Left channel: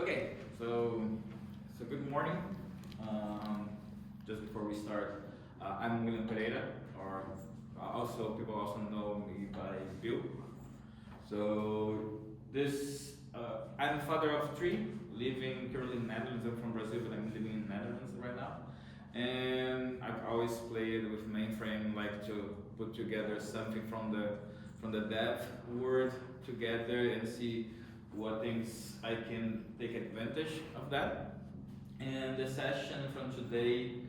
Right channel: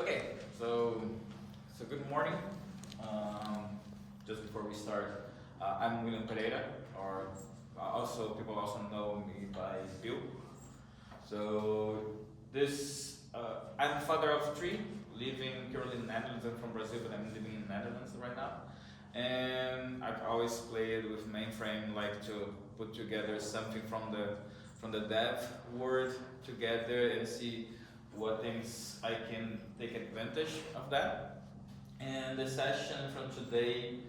Okay, so good morning. Just before we start, I'm William Pereira, or also people also know me by Bill. So I'm a father of three, living currently in the Netherlands. I'm from Brazil, but I'm living in the Netherlands right now. And I've always played with mainframe, like to put together something from the dev world together and see what things I can take advantage of that. And the session from today,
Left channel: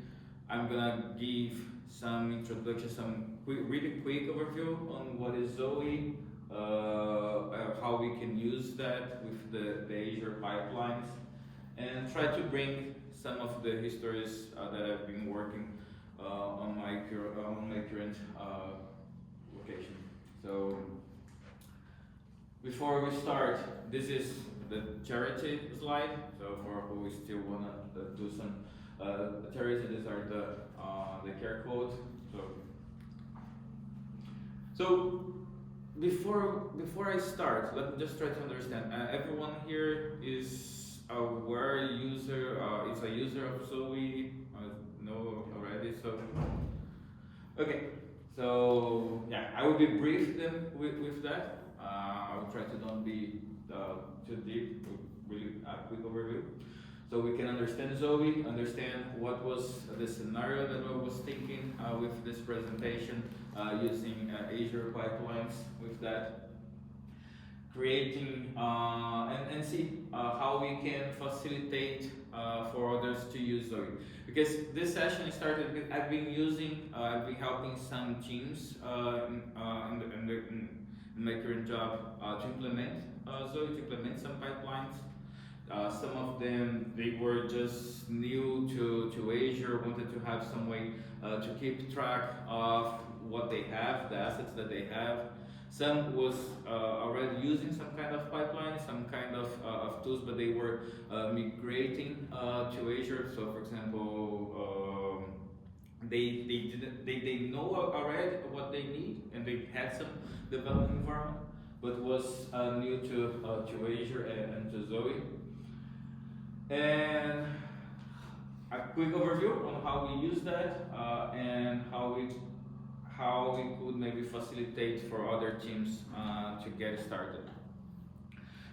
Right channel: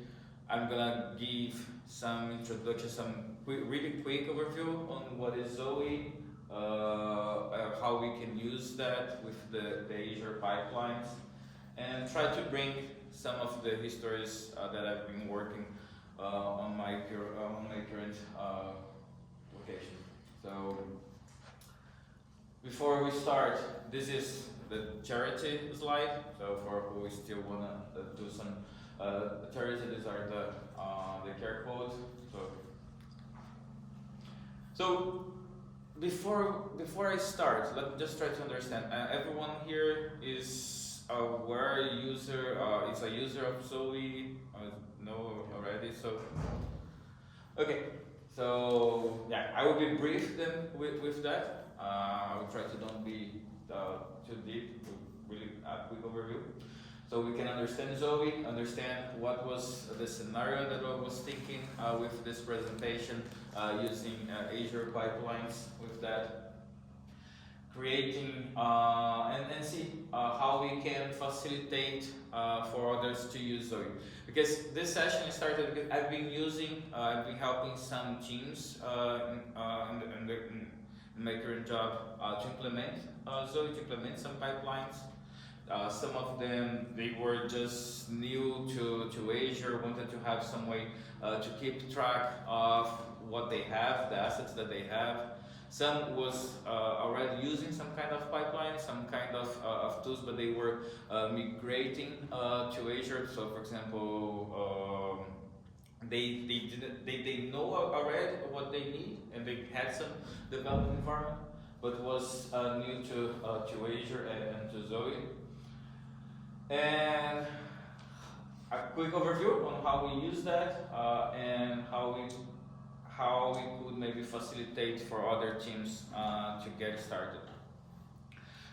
I'm gonna give some introduction, really quick overview on what is Zowe, how we can use that with the Azure pipelines, and try to bring some of the histories that I've been working on my current location. So before we start, this is the charity slide. So for who still wanna do some charity, these are the care codes. So before I start, let me just try to understand. Everyone here is aware is a user of Zowe. Know already. So okay. So yeah, I will be brief then with that. I will try to don't be too deep, really a quick overview. So we can understand Zowe, understand what was the scenario that I was thinking with this presentation, using Azure pipelines with that, creating and see how we can facilitate for others to use Zowe. Because this session started with I've been helping some teams in my current job to implement Zowe, to implement some pipelines. Some of them, they were just new to Azure, wanted to have some way to keep track of what they have, the assets that they have. Some was already using some kind of pipeline, some kind of tools, but they were migrating to Azure. So for example, they know already what they need, and they had some development environment, but was new to Azure and to Zowe. And a quick overview on how we use that and how we could maybe facilitate for other teams to get started.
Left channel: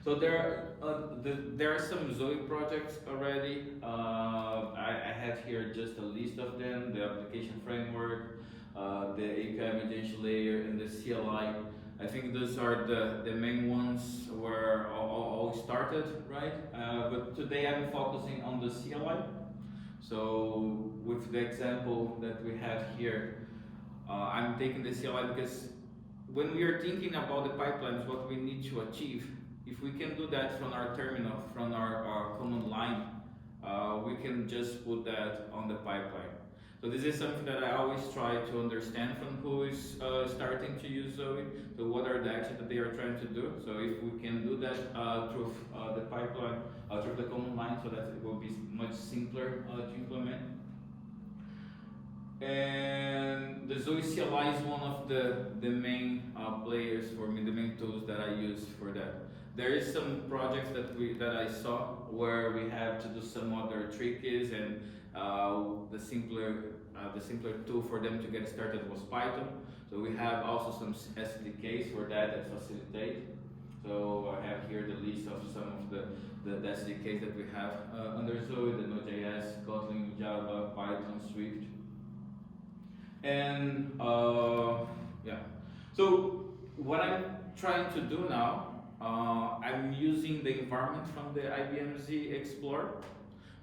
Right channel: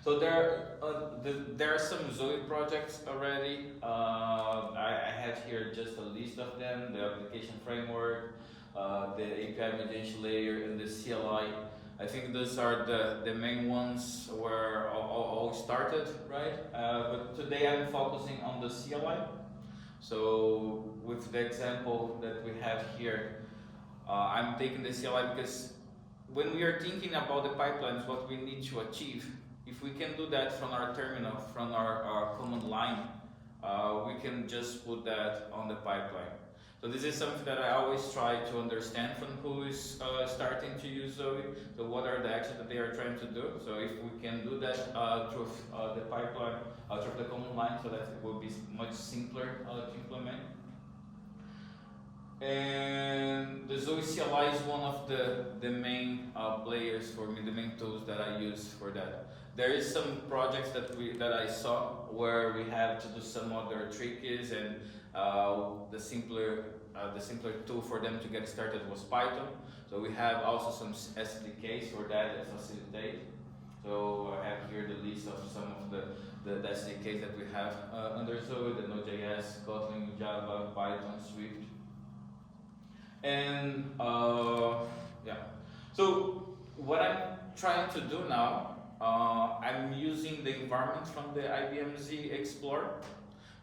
So there are some Zowe projects already. I had here just a list of them: the application framework, the API mediation layer, and the CLI. I think those are the main ones where all started, right? But today I'm focusing on the CLI. So with the example that we have here, I'm taking the CLI because when we are thinking about the pipelines, what we need to achieve, if we can do that from our terminal, from our command line, we can just put that on the pipeline. So this is something that I always try to understand from who is starting to use Zowe. So what are the actions that they are trying to do? So if we can do that through the pipeline, through the command line, so that it will be much simpler to implement. And the Zowe CLI is one of the main players for me, the main tools that I use for that. There is some projects that I saw where we have to do some other tricks, and the simpler tool for them to get started was Python. So we have also some SDKs for that facilitate. So I have here the list of some of the SDKs that we have under Zowe: the Node.js, Kotlin, Java, Python, Swift. And yeah. So what I'm trying to do now, I'm using the environment from the IBM Z Explorer.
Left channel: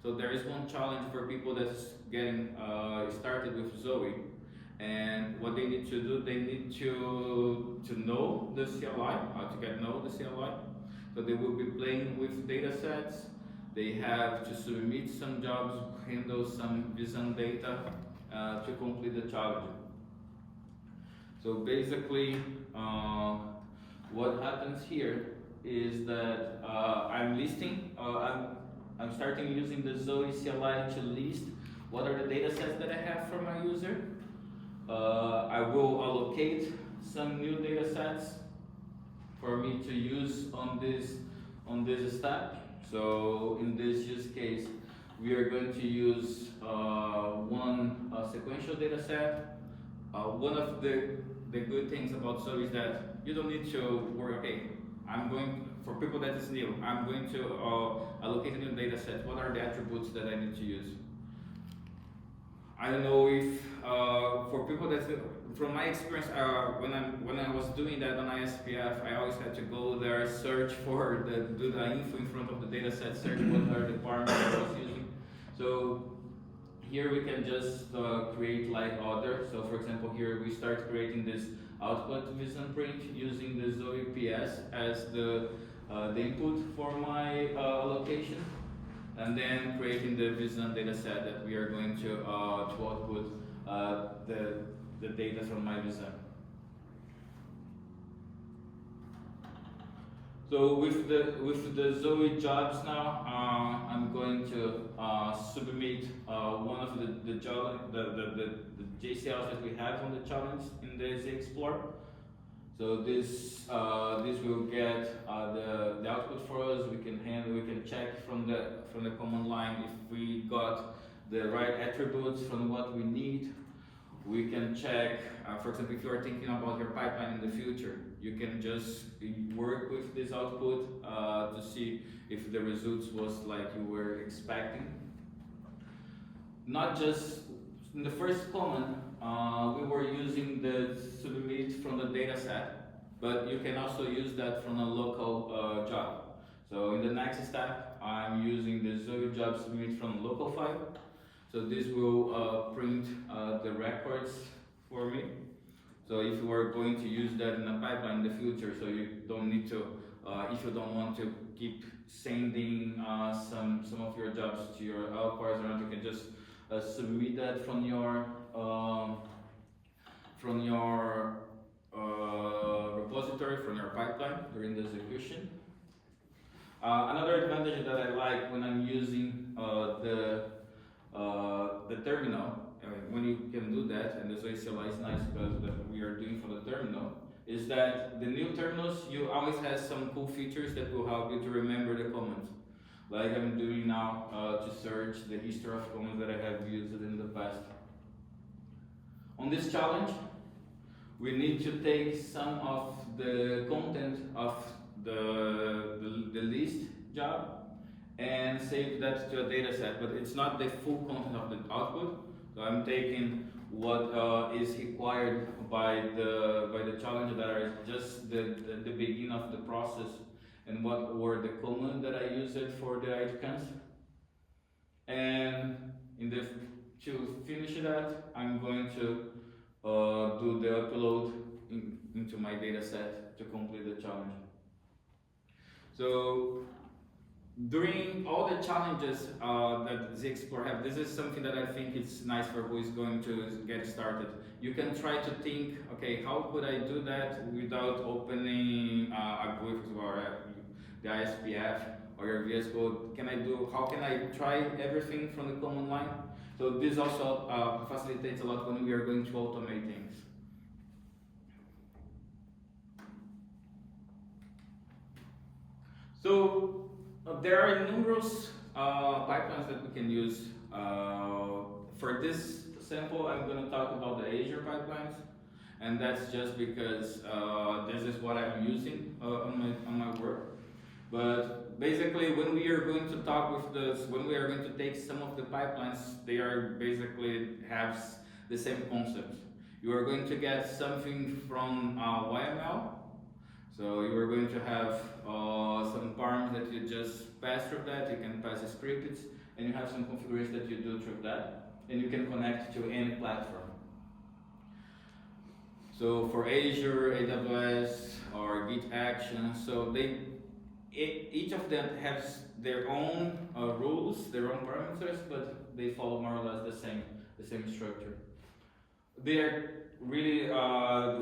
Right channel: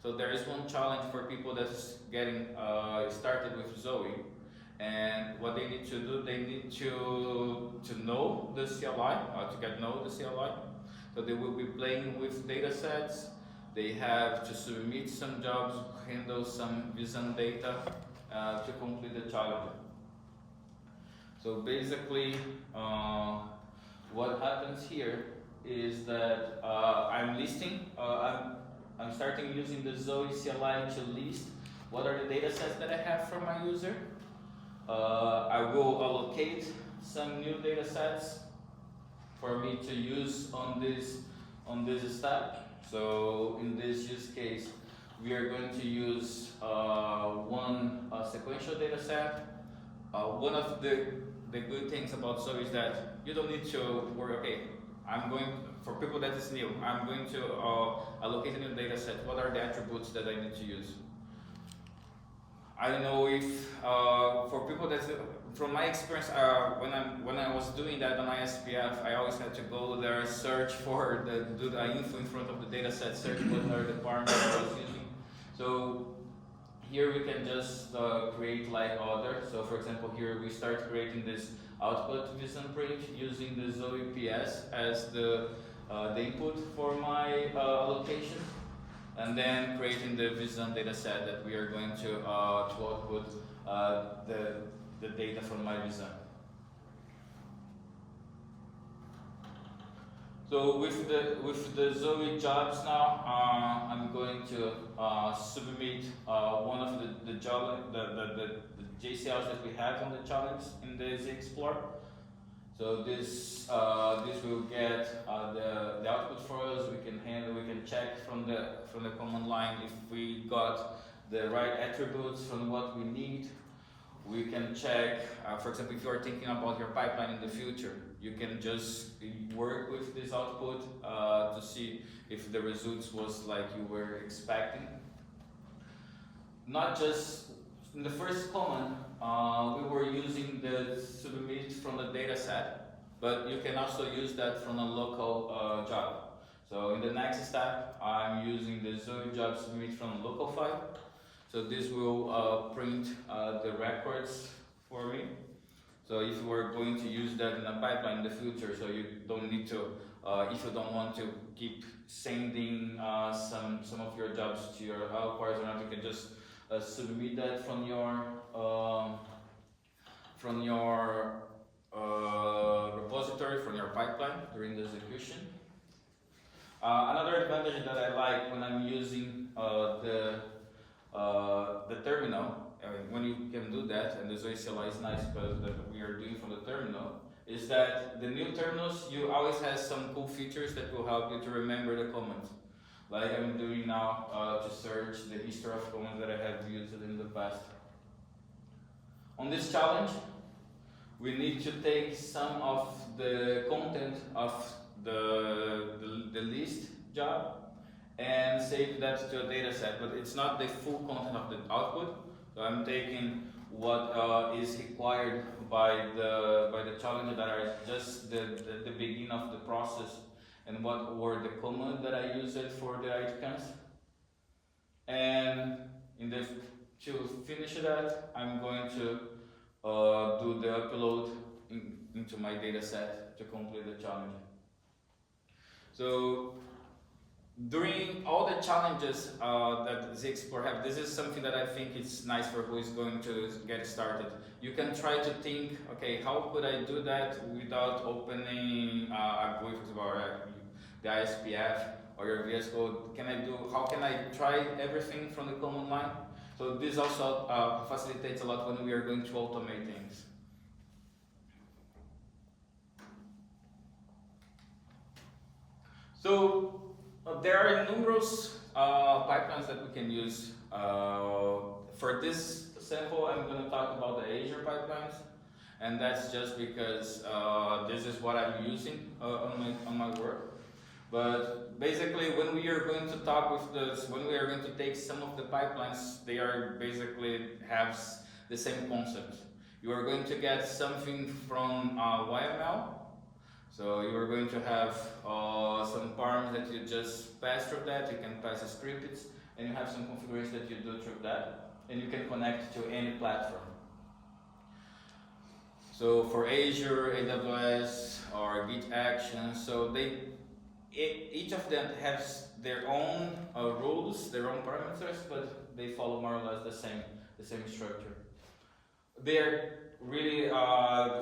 So there is one challenge for people that's getting started with Zowe, and what they need to do, they need to know the CLI, to know the CLI. So they will be playing with data sets. They have to submit some jobs, handle some JSON data to complete the challenge. So basically, what happens here is that I'm listing, I'm starting using the Zowe CLI to list what are the data sets that I have for my user. I will allocate some new data sets for me to use on this on this step. So in this use case, we are going to use one sequential data set. One of the good things about Zowe is that you don't need to worry, okay, for people that is new, I'm going to allocate a new data set. What are the attributes that I need to use? I don't know if for people that, from my experience, when I was doing that on ISPF, I always had to go there, search for do the info in front of the data set, search what are the parameters I was using. So here we can just create like other. So for example, here we start creating this output vision print using the Zowe PS as the input for my allocation, and then creating the vision data set that we are going to output the data from my vision. So with the Zowe jobs now, I'm going to submit one of the JCLs that we have on the challenge in the Z Explorer. So this will get the output for us. We can check from the command line if we got the right attributes from what we need. We can check, for example, if you are thinking about your pipeline in the future, you can just work with this output to see if the results was like you were expecting. Not just in the first command, we were using the submit from the data set, but you can also use that from a local job. So in the next step, I'm using the Zowe job submit from local file. So this will print the records for me. So if you are going to use that in a pipeline in the future, so you don't need to, if you don't want to keep sending some of your jobs to your outputs, you can just submit that from your repository, from your pipeline during the execution. Another advantage that I like when I'm using the terminal, when you can do that, and the Zowe CLI is nice because that we are doing from the terminal, is that the new terminals, you always have some cool features that will help you to remember the commands. Like I'm doing now to search the history of commands that I have used in the past. On this challenge, we need to take some of the content of the list job and save that to a data set, but it's not the full content of the output. So I'm taking what is required by the challenge that are just the beginning of the process, and what were the commands that I used for the icons. And to finish that, I'm going to do the upload into my data set to complete the challenge. So during all the challenges that Z Explorer have, this is something that I think is nice for who is going to get started. You can try to think, okay, how could I do that without opening a GUI or the ISPF or your VS Code? How can I try everything from the command line? So this also facilitates a lot when we are going to automate things. So there are numerous pipelines that we can use. For this sample, I'm going to talk about the Azure pipelines, and that's just because this is what I'm using on my work. But basically, when we are going to talk with this, when we are going to take some of the pipelines, they are basically have the same concept. You are going to get something from YML. So you are going to have some params that you just pass through that. You can pass the scripts, and you have some configuration that you do through that, and you can connect to any platform. So for Azure, AWS, or Git Actions, so each of them has their own rules, their own parameters, but they follow more or less the same structure. They are really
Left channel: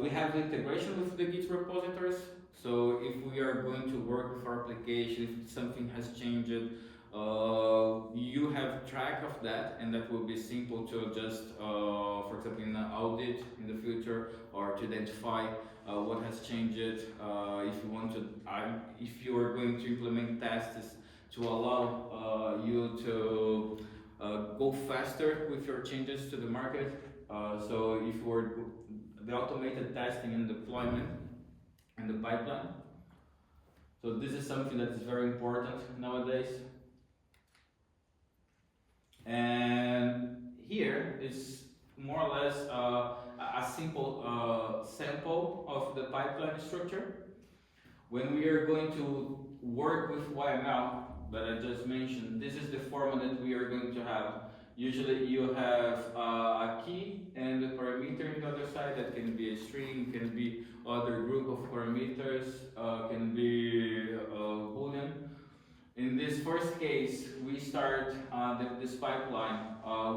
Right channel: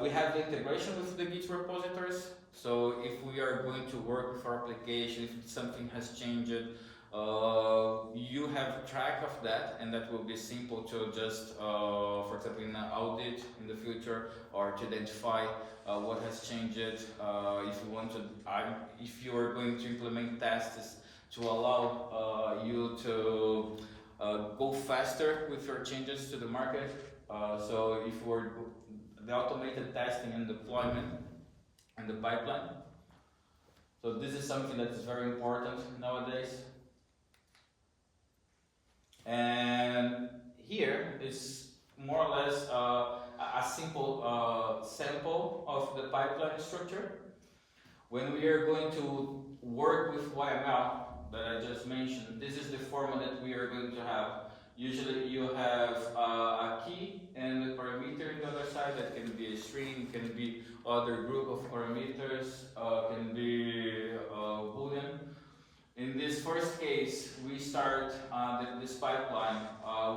we have integration with the Git repositories. So if we are going to work with our application, if something has changed, you have track of that, and that will be simple to just, for example, in an audit in the future, or to identify what has changed. If you want to, if you are going to implement tests to allow you to go faster with your changes to the market. So if we're the automated testing and deployment and the pipeline. So this is something that is very important nowadays. And here is more or less a simple sample of the pipeline structure. When we are going to work with YML that I just mentioned, this is the format that we are going to have. Usually you have a key and a parameter on the other side. That can be a string, can be other group of parameters, can be Boolean. In this first case, we start this pipeline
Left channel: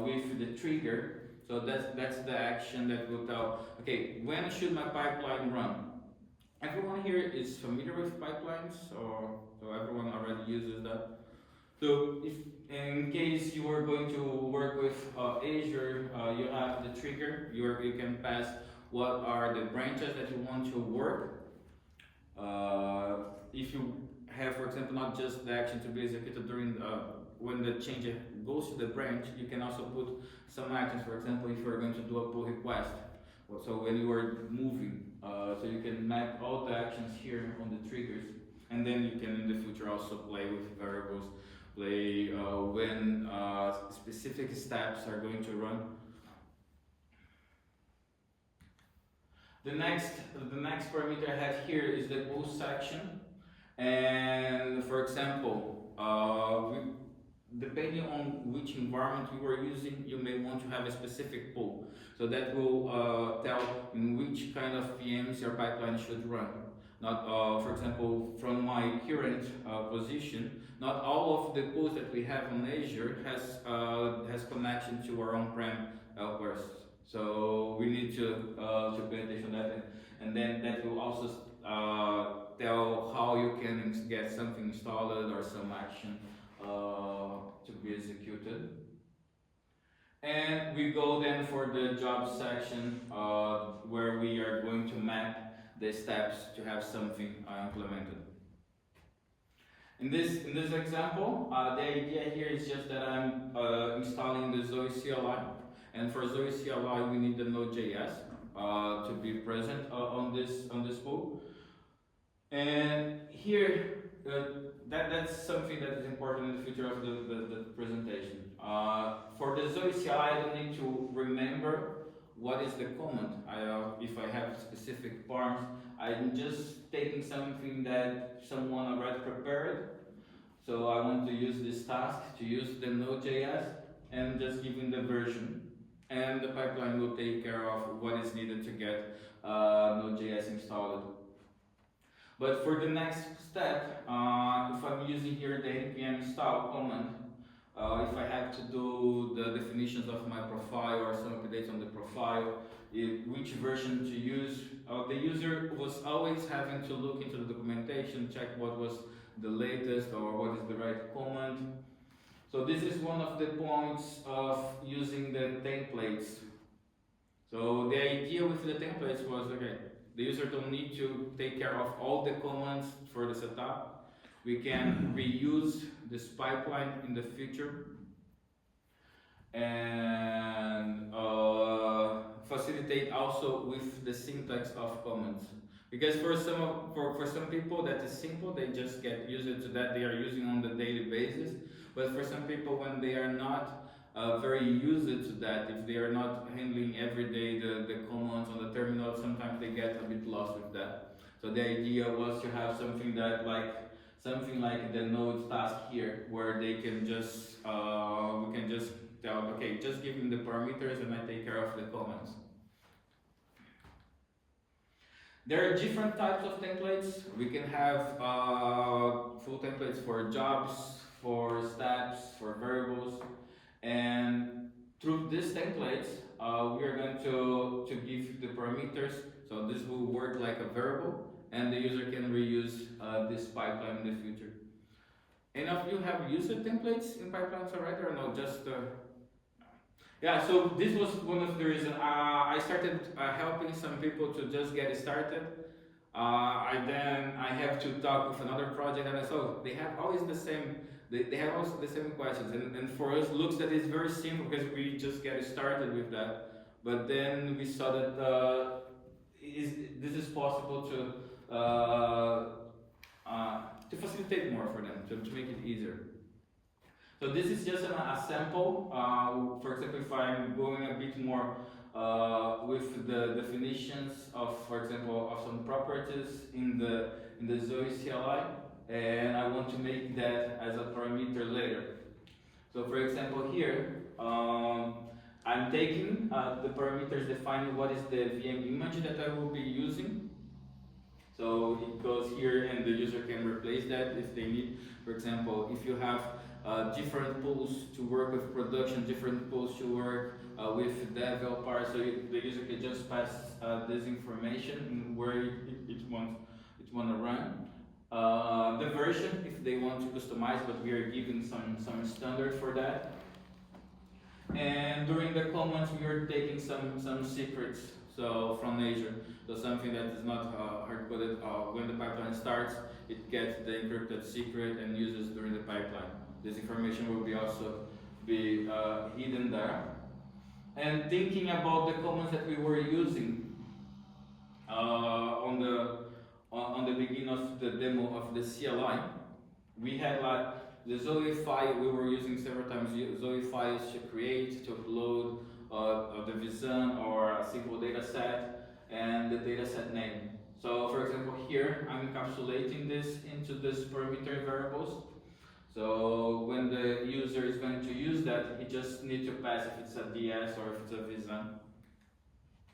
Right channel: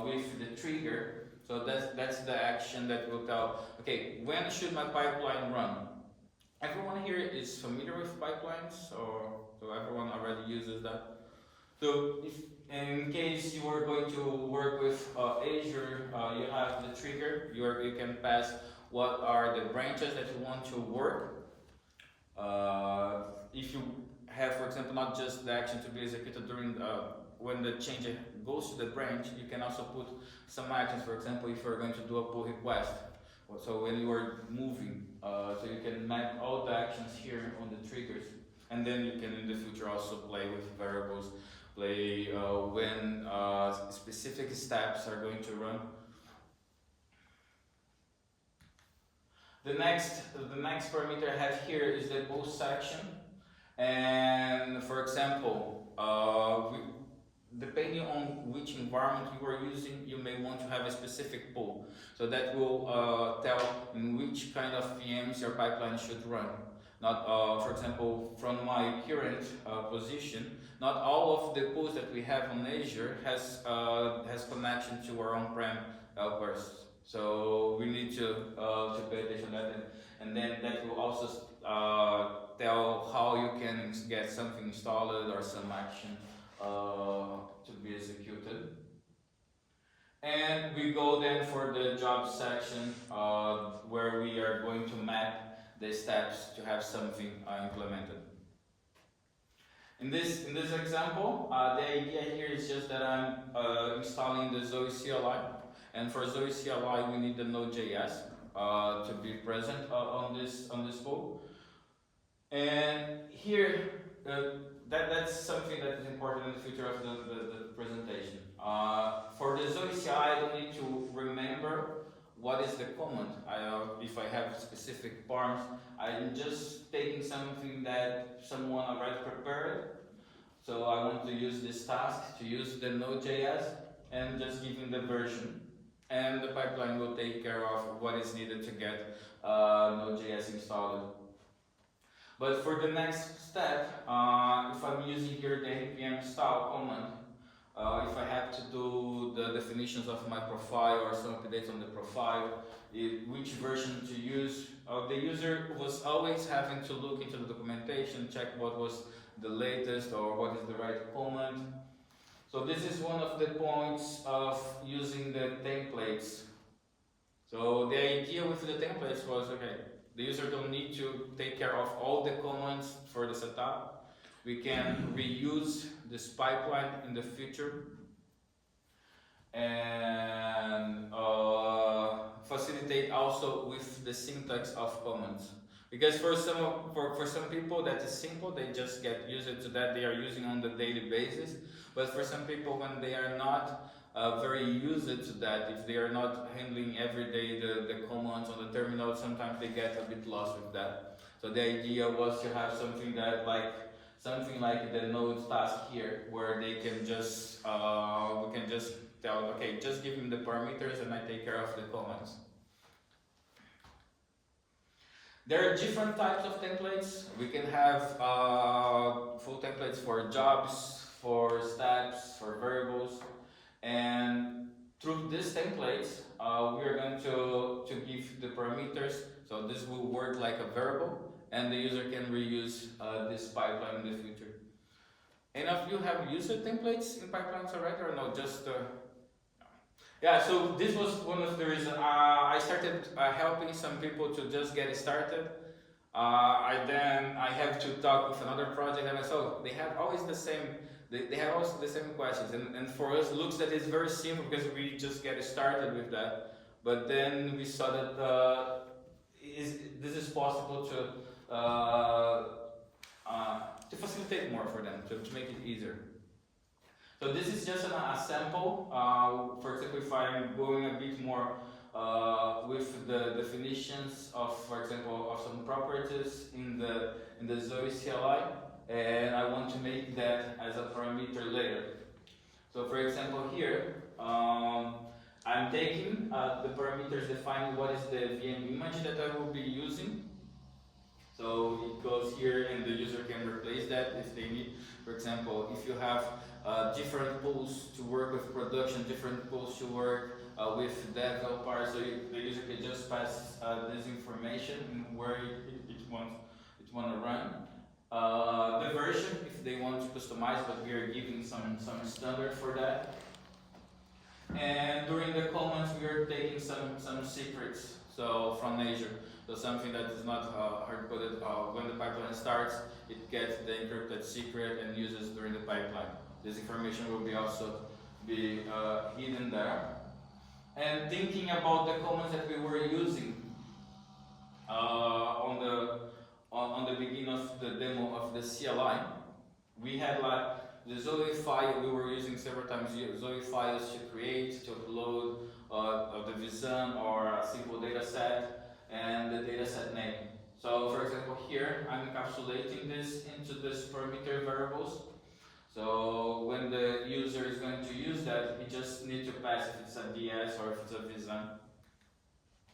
with the trigger. So that's the action that will tell, okay, when should my pipeline run? Everyone here is familiar with pipelines, or so everyone already uses that. So if in case you are going to work with Azure, you have the trigger. You can pass what are the branches that you want to work. If you have, for example, not just the action to be executed during when the change goes to the branch, you can also put some actions. For example, if you're going to do a pull request, so when you are moving, so you can map all the actions here on the triggers, and then you can in the future also play with variables, play when specific steps are going to run. The next parameter I have here is the pull section. And for example, depending on which environment you are using, you may want to have a specific pull. So that will tell in which kind of VMs your pipeline should run. Not, for example, from my current position, not all of the pulls that we have on Azure has connection to our on-prem bursts. So we need to pay attention to that, and then that will also tell how you can get something installed or some action to be executed. And we go then for the job section where we are going to map the steps to have something implemented. In this example, the idea here is just that I'm installing the Zowe CLI, and for Zowe CLI we need the Node.js to be present on this pull. And here, that's something that is important in the future of the presentation. For the Zowe CLI, I don't need to remember what is the command. If I have specific params, I'm just taking something that someone already prepared. So I want to use this task to use the Node.js and just giving the version. And the pipeline will take care of what is needed to get Node.js installed. But for the next step, if I'm using here the npm install command, if I have to do the definitions of my profile or some updates on the profile, which version to use, the user was always having to look into the documentation, check what was the latest or what is the right command. So this is one of the points of using the templates. So the idea with the templates was, okay, the user don't need to take care of all the commands for the setup. We can reuse this pipeline in the future and facilitate also with the syntax of commands. Because for some people that is simple, they just get used to that, they are using on the daily basis. But for some people, when they are not very used to that, if they are not handling every day the commands on the terminal, sometimes they get a bit lost with that. So the idea was to have something like the node task here, where they can just we can just tell, okay, just give me the parameters and I take care of the commands. There are different types of templates. We can have full templates for jobs, for steps, for variables, and through these templates, we are going to give the parameters. So this will work like a variable, and the user can reuse this pipeline in the future. Any of you have user templates in pipelines already, or no? Just yeah. So this was one of the reasons I started helping some people to just get started. I have to talk with another project, and I saw they have always the same. They have always the same questions, and for us, looks that it's very simple because we just get started with that. But then we saw that this is possible to facilitate more for them, to make it easier. So this is just a sample. For example, if I'm going a bit more with the definitions of, for example, of some properties in the Zowe CLI, and I want to make that as a parameter later. So for example here, I'm taking the parameters defining what is the VM image that I will be using. So it goes here and the user can replace that if they need. For example, if you have different pools to work with production, different pools to work with developer, so the user can just pass this information in where it wants to run. The version, if they want to customize, but we are giving some standard for that. And during the comments, we are taking some secrets, so from Azure. So something that is not hard-coded. When the pipeline starts, it gets the encrypted secret and uses during the pipeline. This information will also be hidden there. And thinking about the comments that we were using on the beginning of the demo of the CLI, we had like the Zowe file. We were using several times Zowe files to create, to upload the vSAN or a simple data set and the data set name. So for example here, I'm encapsulating this into this parameter variables. So when the user is going to use that, he just needs to pass if it's a DS or if it's a vSAN.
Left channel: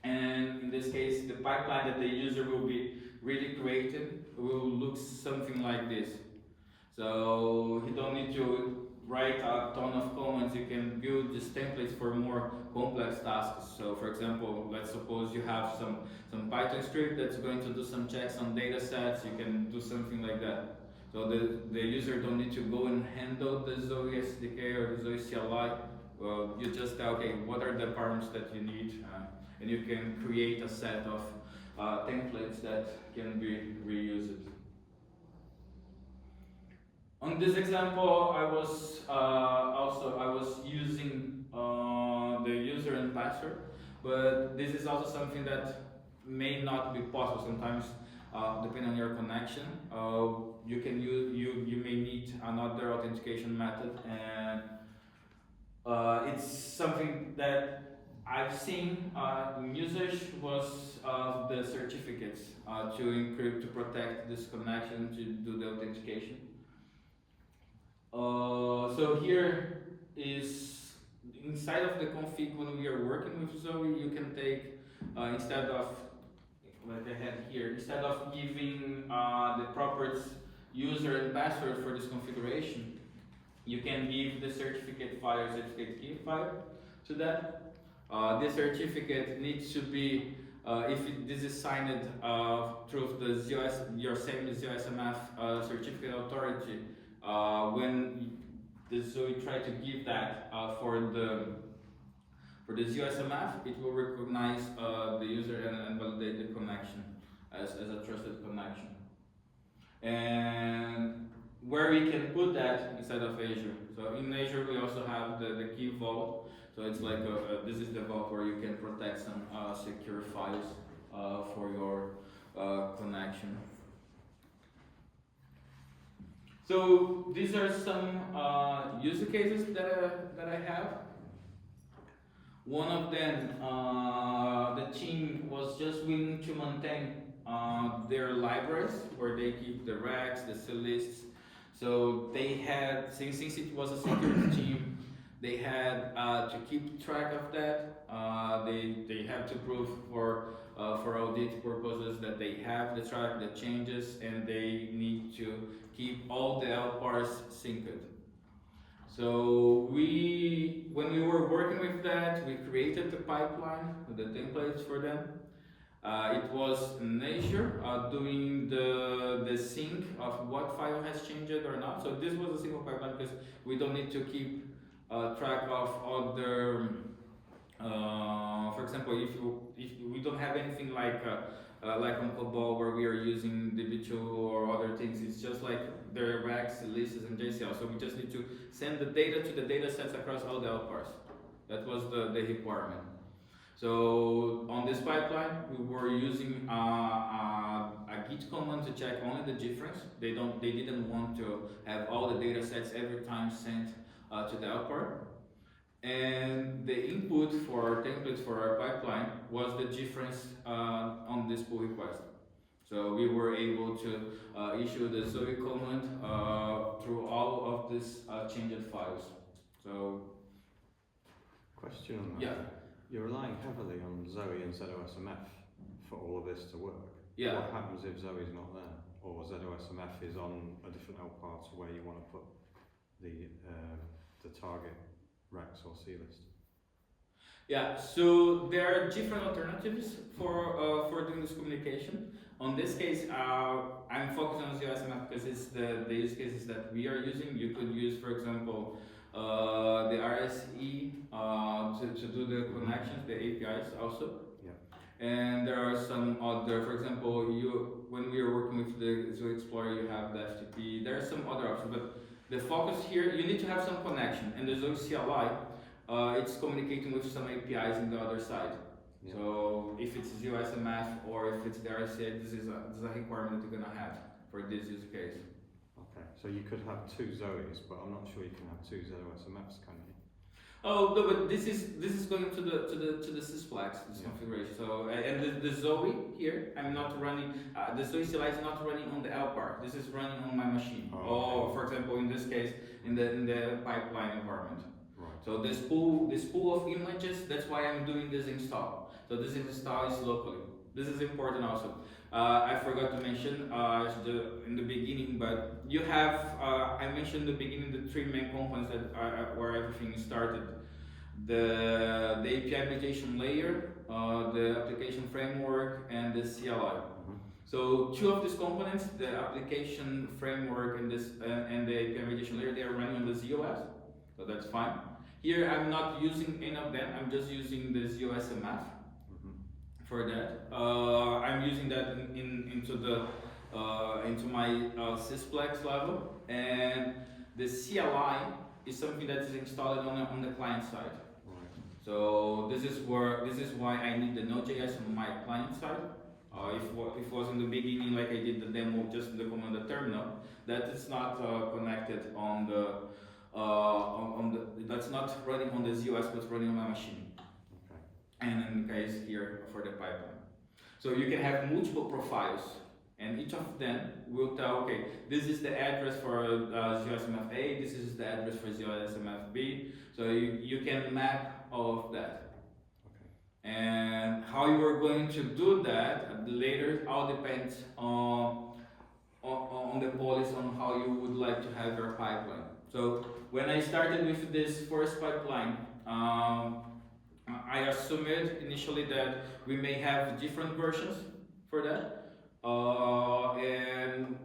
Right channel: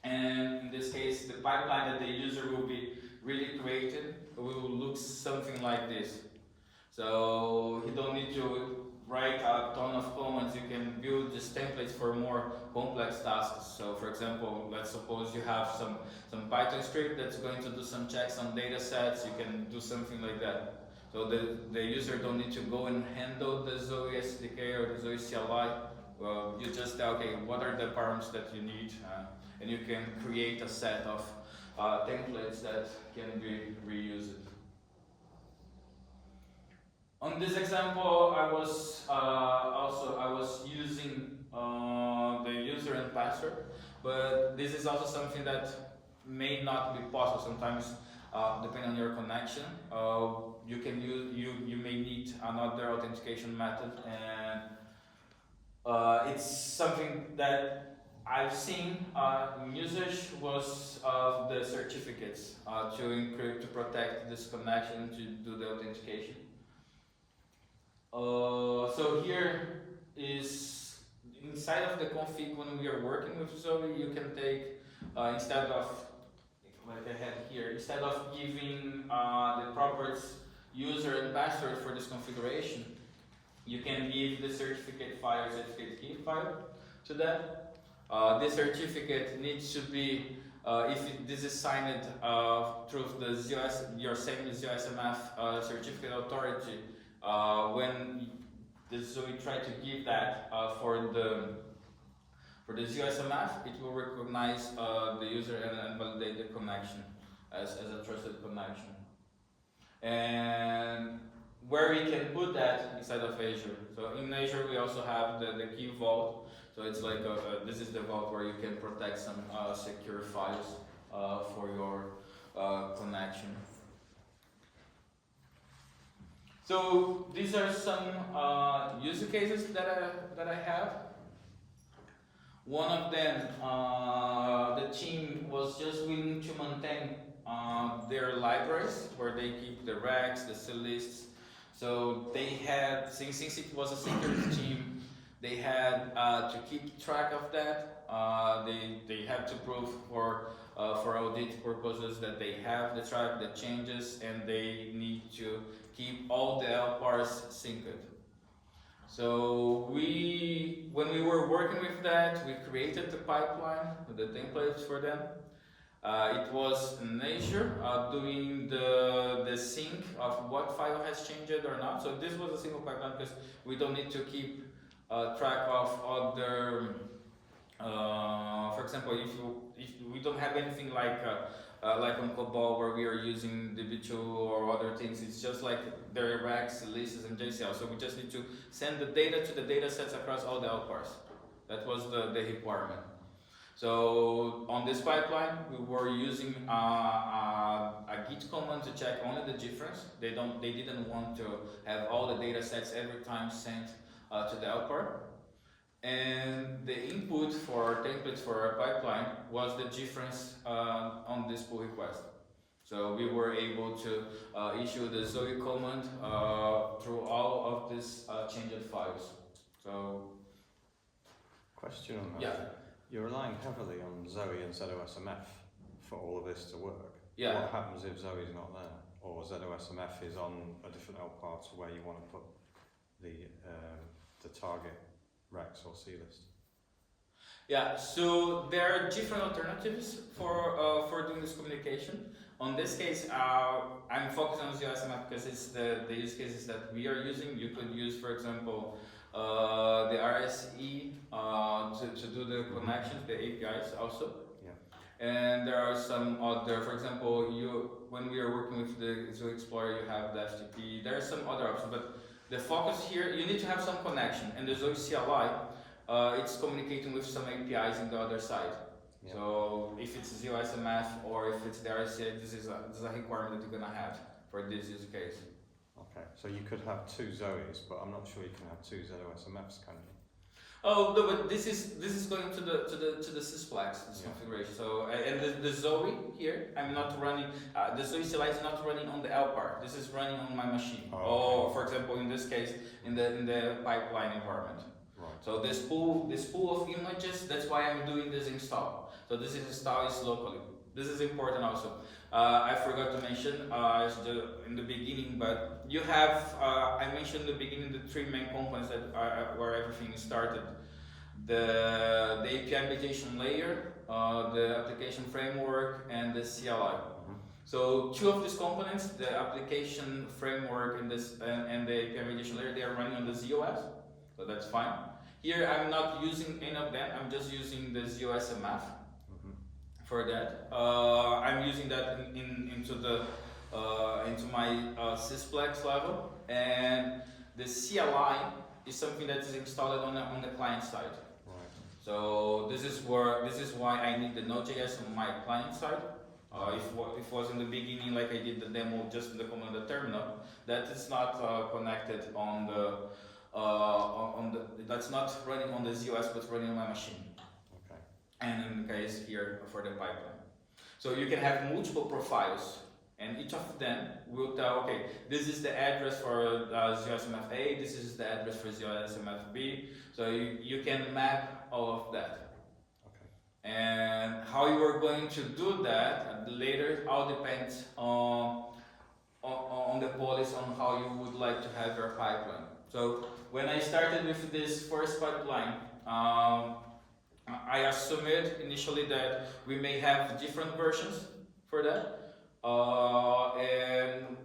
And in this case, the pipeline that the user will be really created will look something like this. So you don't need to write a ton of comments. You can build these templates for more complex tasks. So for example, let's suppose you have some Python script that's going to do some checks on data sets. You can do something like that. So the user don't need to go and handle the Zowe SDK or the Zowe CLI. Well, you just tell, okay, what are the params that you need? And you can create a set of templates that can be reused. On this example, I was using the user and password, but this is also something that may not be possible sometimes, depending on your connection. You may need another authentication method, and it's something that I've seen in usage was the certificates to encrypt, to protect this connection, to do the authentication. So here is inside of the config when we are working with Zowe, you can take instead of like I had here, instead of giving the properties user and password for this configuration, you can give the certificate file, certificate key file to that. This certificate needs to be this is signed through the your same ZOSMF certificate authority. When the Zowe try to give that for the ZOSMF, it will recognize the user and validate the connection as a trusted connection. And where we can put that inside of Azure. So in Azure we also have the key vault. So it's like this is the vault where you can protect some secure files for your connection. So these are some use cases that I have. One of them, the team was just willing to maintain their libraries where they keep the recs, the CLists. So they had, since it was a security team, they had to keep track of that. They have to prove for audit purposes that they have the track, the changes, and they need to keep all the LPARs synced. So when we were working with that, we created the pipeline with the templates for them. It was in Azure doing the sync of what file has changed or not. So this was a simple pipeline because we don't need to keep track of other. For example, if we don't have anything like on COBOL where we are using DB2 or other things, it's just like their racks, lists, and JCL. So we just need to send the data to the data sets across all the outparts. That was the requirement. So on this pipeline, we were using a git command to check only the difference. They didn't want to have all the data sets every time sent to the output. And the input for our templates for our pipeline was the difference on this pull request. So we were able to issue the Zowe command through all of these changed files. So question on that. Yeah. You're relying heavily on Zowe and ZOSMF for all of this to work. Yeah. What happens if Zoe's not there, or ZOSMF is on a different outpart where you want to put the target racks or C list? Yeah, so there are different alternatives for doing this communication. On this case, I'm focused on ZOSMF because it's the use cases that we are using. You could use, for example, the RSE to do the connections, the APIs also. Yeah. And there are some other, for example, when we are working with the Zowe Explorer, you have the FTP. There are some other options, but the focus here, you need to have some connection. And the Zowe CLI, it's communicating with some APIs in the other side. Yeah. So if it's ZOSMF or if it's the RSA, this is a requirement that you're gonna have for this use case. Okay, so you could have two Zoes, but I'm not sure you can have two ZOSMFs, can you? Oh no, but this is going to the sysplex, this configuration. So and the Zowe here, I'm not running. The Zowe CLI is not running on the LPAR. This is running on my machine. Or for example, in this case, in the pipeline environment. Right. So this pool of images. That's why I'm doing this install. So this install is locally. This is important also. I forgot to mention in the beginning, but you have, I mentioned in the beginning the three main components that where everything started. The API application layer, the application framework, and the CLI. Mm-hmm. So two of these components, the application framework and the API application layer, they are running on the ZOS, so that's fine. Here I'm not using any of them, I'm just using the ZOSMF. For that, I'm using that into my sysplex level, and the CLI is something that is installed on the client side. Right. So this is why I need the Node.js on my client side. If it was in the beginning, like I did the demo just in the command terminal, that is not connected on that's not running on the ZOS, but running on my machine. And in the case here for the pipeline. So you can have multiple profiles, and each of them will tell, okay, this is the address for ZOSMF A, this is the address for ZOSMF B, so you can map all of that. Okay. And how you are going to do that later all depends on the policy on how you would like to have your pipeline. So when I started with this first pipeline, I assumed initially that we may have different versions for that, and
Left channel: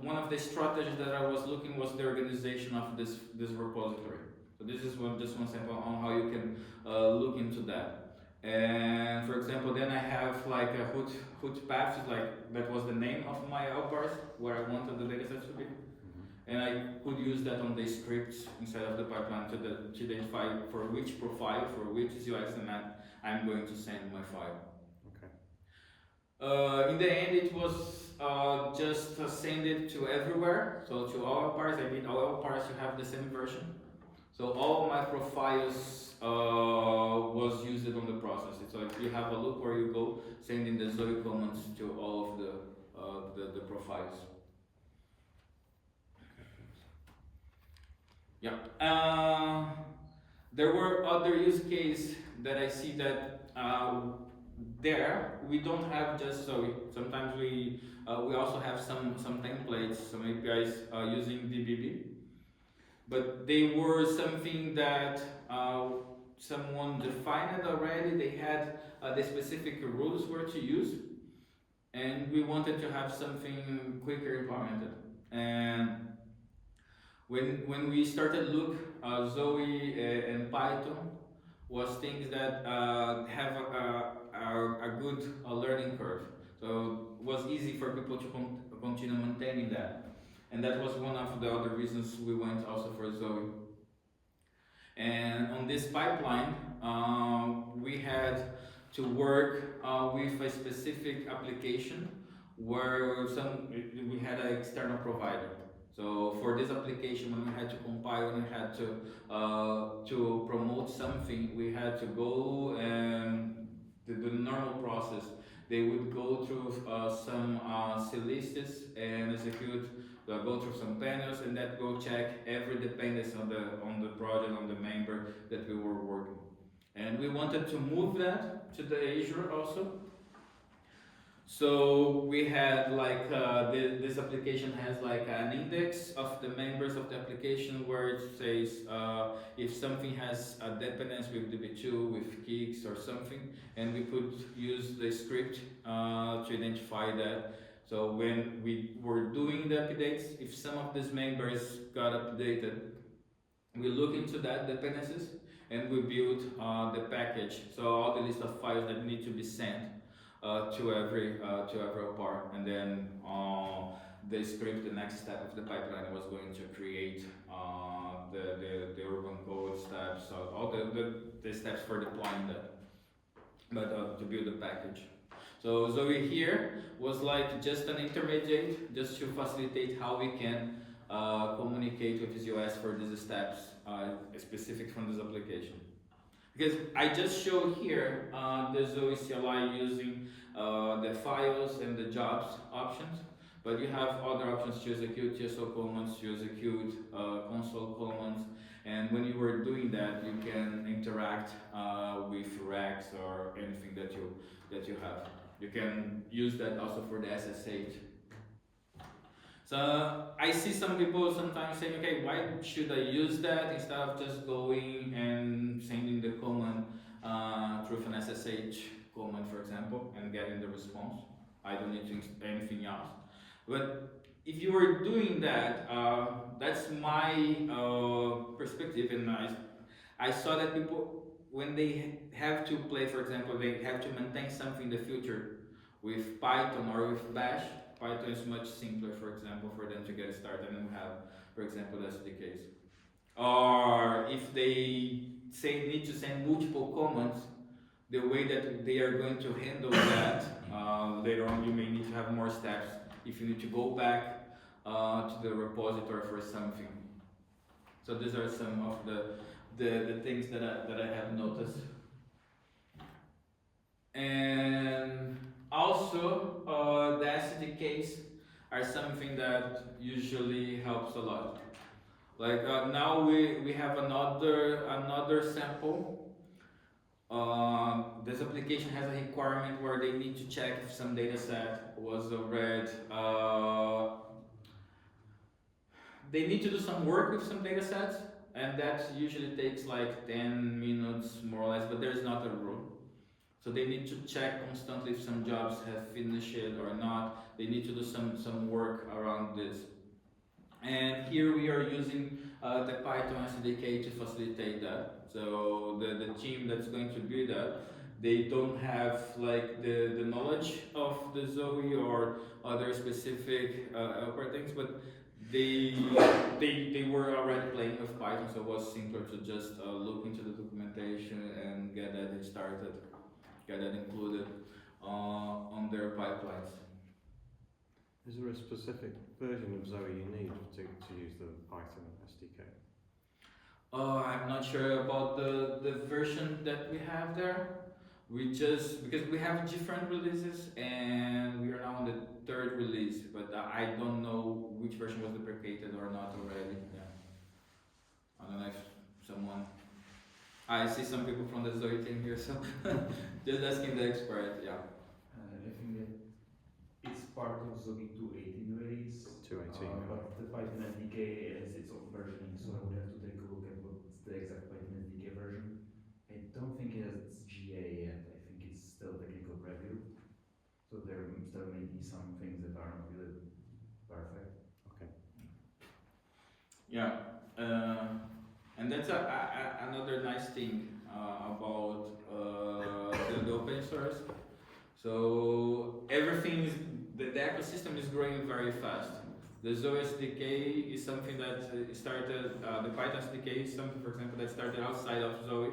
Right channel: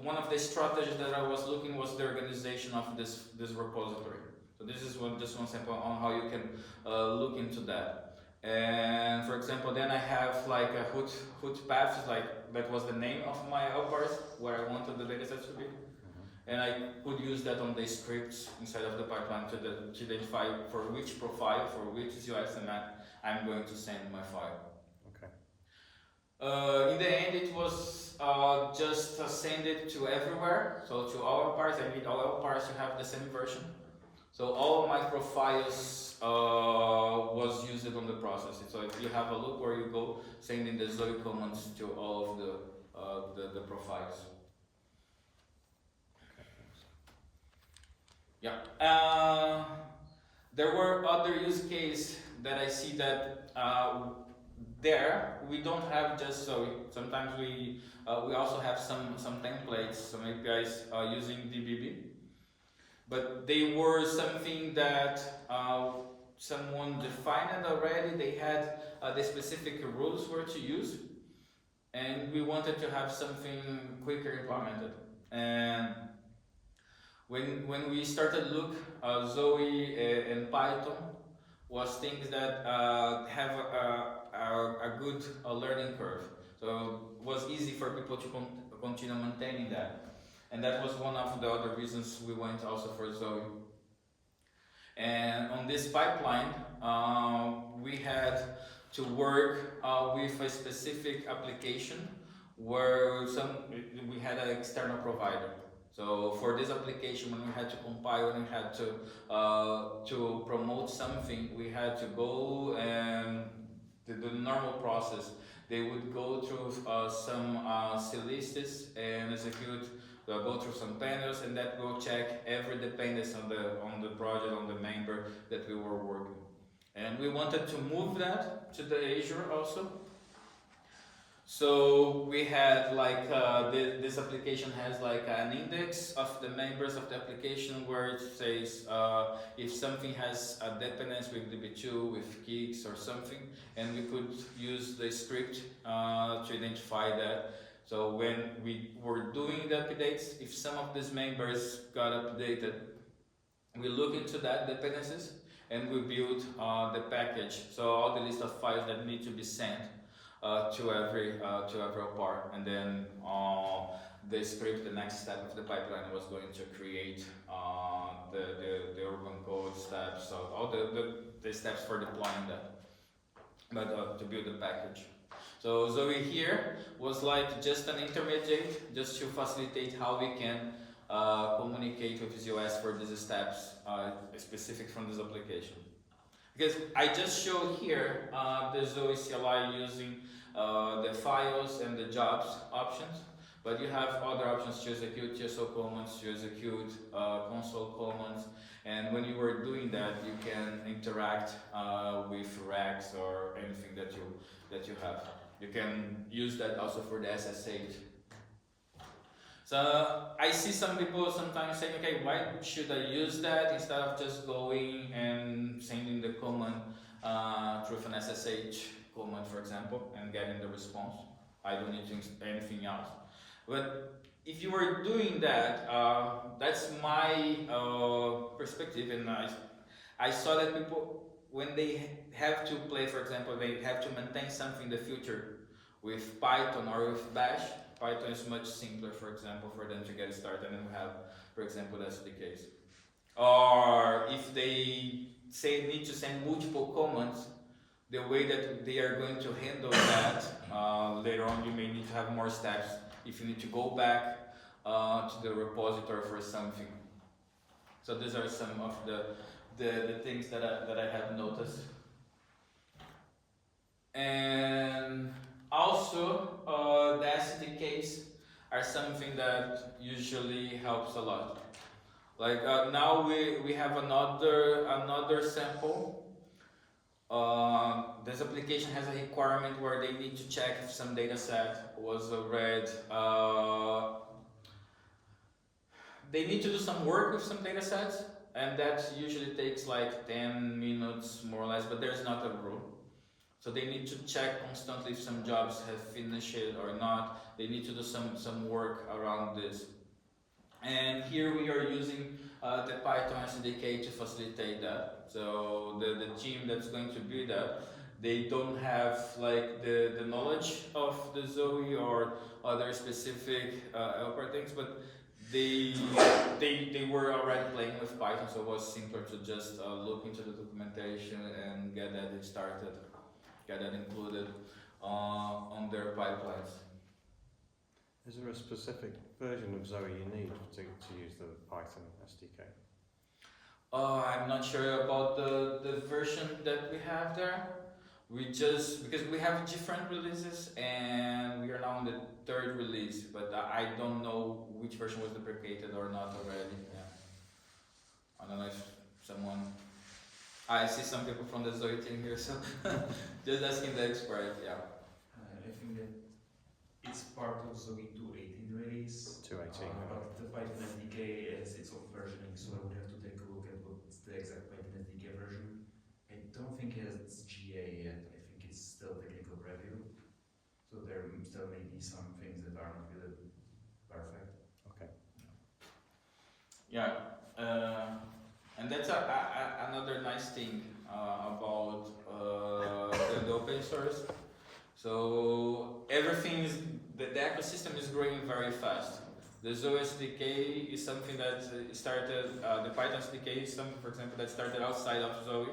one of the strategies that I was looking was the organization of this repository. So this is just one sample on how you can look into that. And for example, then I have like a hoot paths, like that was the name of my outparts where I wanted the datasets to be. And I could use that on the scripts inside of the pipeline to identify for which profile, for which ZOSMF I'm going to send my file. Okay. In the end, it was just send it to everywhere. So to all parts, I need all parts to have the same version. So all of my profiles was used on the process. So if you have a look where you go, sending the Zowe commands to all of the profiles. Yeah. There were other use cases that I see that there we don't have just Zowe. Sometimes we also have some templates, some APIs using DBB, but they were something that someone defined it already. They had the specific rules where to use, and we wanted to have something quicker implemented. And when we started look, Zoe and Python was things that have a good learning curve. So it was easy for people to continue maintaining that. And that was one of the other reasons we went also for Zoe. And on this pipeline, we had to work with a specific application where we had an external provider. So for this application, when we had to compile and we had to promote something, we had to go and the normal process. They would go through some CLists and execute, go through some panels, and that will check every dependency on the project, on the member that we were working. And we wanted to move that to the Azure also. So we had like this application has like an index of the members of the application where it says if something has a dependence with DB2, with kicks or something, and we could use the script to identify that. So when we were doing the updates, if some of these members got updated, we look into that dependencies and we build the package. So all the list of files that need to be sent to every part, and then the script, the next step of the pipeline was going to create the urban code steps, so all the steps for deploying that, but to build the package. So Zoe here was like just an intermediate, just to facilitate how we can communicate with ZOS for these steps specific from this application. Because I just showed here the Zoe CLI using the files and the jobs options, but you have other options to execute TSO commands, to execute console commands, and when you were doing that, you can interact with racks or anything that you have. You can use that also for the SSH. So I see some people sometimes saying, okay, why should I use that instead of just going and sending the command through an SSH command, for example, and getting the response. I don't need anything else. But if you were doing that, that's my perspective, and I saw that people, when they have to play, for example, they have to maintain something in the future with Python or with Bash. Python is much simpler, for example, for them to get started, and we have, for example, the SDKs. Or if they need to send multiple commands, the way that they are going to handle that, later on you may need to have more steps if you need to go back to the repository for something. So these are some of the things that I have noticed. And also, the SDKs are something that usually helps a lot. Like now we have another sample. This application has a requirement where they need to check if some data set was read. They need to do some work with some data sets, and that usually takes like 10 minutes more or less, but there's not a rule. So they need to check constantly if some jobs have finished it or not. They need to do some work around this. And here we are using the Python SDK to facilitate that. So the team that's going to build that, they don't have like the knowledge of the Zoe or other specific things, but they were already playing with Python, so it was simpler to just look into the documentation and get that started. Get that included on their pipelines. Is there a specific version of Zoe you need to use the Python SDK? I'm not sure about the version that we have there. Because we have different releases and we are now on the 3rd release, but I don't know which version was deprecated or not already. Yeah. I don't know if someone. I see some people from the Zoe team here, so just asking the expert, yeah. I think that it's part of Zoe 2.18 release. 2.18. But the Python SDK has its own versioning, so I would have to take a look at what's the exact Python SDK version. I be some things that aren't really perfect. Okay. Yeah, and that's another nice thing about the open source. So everything is, the ecosystem is growing very fast. The Zowe SDK is something that started, the Python SDK is something, for example, that started outside of Zowe.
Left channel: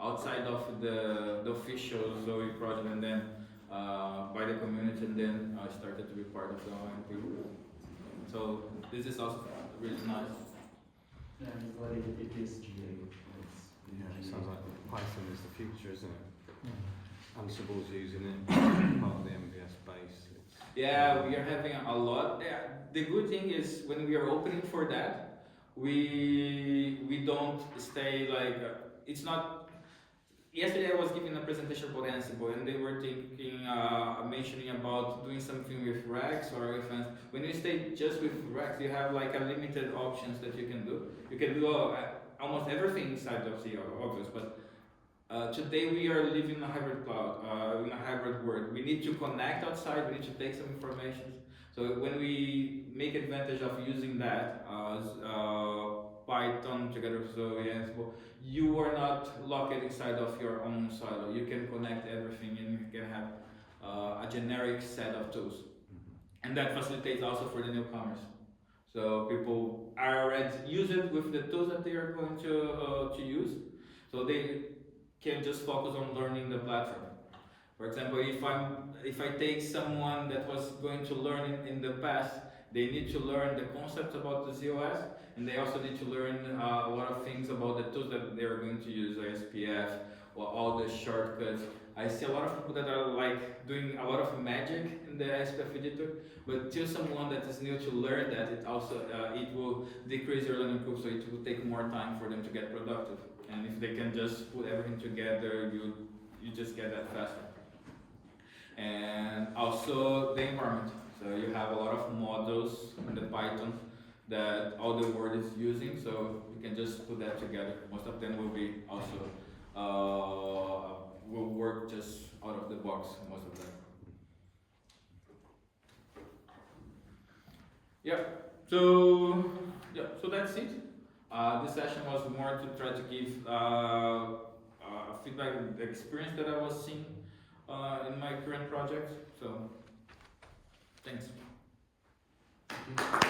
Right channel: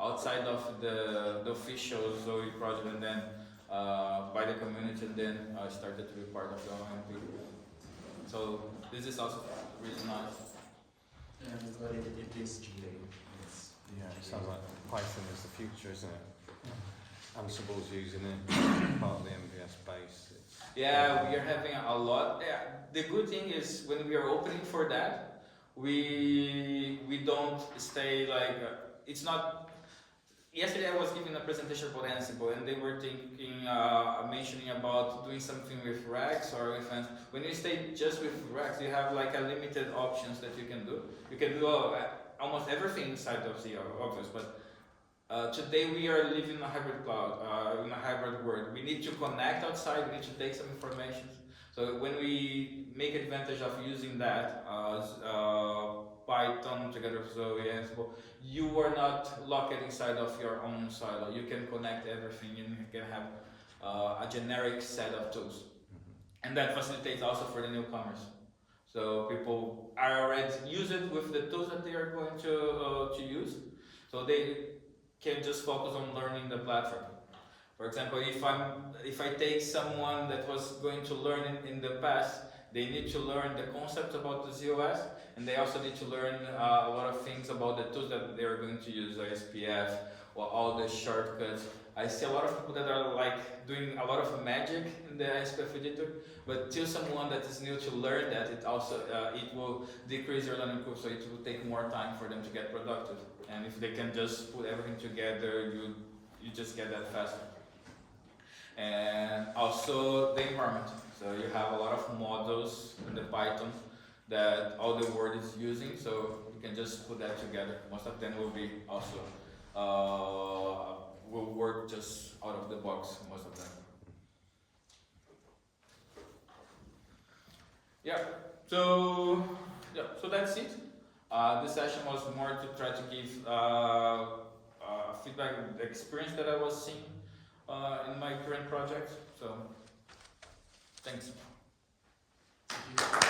Outside of the official Zowe project, and then by the community, and then started to be part of the OMP. So this is also really nice. And but it is GA. Yeah, it sounds like Python is the future, isn't it? Ansible's using it, part of the MVS base. Yeah, we are having a lot. Yeah, the good thing is when we are opening for that, we don't stay like it's not. Yesterday I was giving a presentation about Ansible, and they were thinking, mentioning about doing something with Rex or with Ansible. When you stay just with Rex, you have like a limited options that you can do. You can do almost everything inside of the obvious, but today we are living in a hybrid cloud, in a hybrid world. We need to connect outside, we need to take some information. So when we make advantage of using that, Python together with Zowe and Ansible, you are not locked inside of your own silo. You can connect everything and you can have a generic set of tools. And that facilitates also for the newcomers. So people are already use it with the tools that they are going to use. So they can just focus on learning the platform. For example, if I take someone that was going to learn in the past, they need to learn the concepts about the ZOS, and they also need to learn a lot of things about the tools that they are going to use, like SPF or all the shortcuts. I see a lot of people that are like doing a lot of magic in the SPF editor, but till someone that is new to learn that, it also it will decrease their learning curve, so it will take more time for them to get productive. And if they can just put everything together, you just get that faster. And also the environment. So you have a lot of models in the Python that all the world is using, so you can just put that together. Most of them will be also will work just out of the box, most of them. So that's it. This session was more to try to give feedback on the experience that I was seeing in my current project. So thanks. Thank you.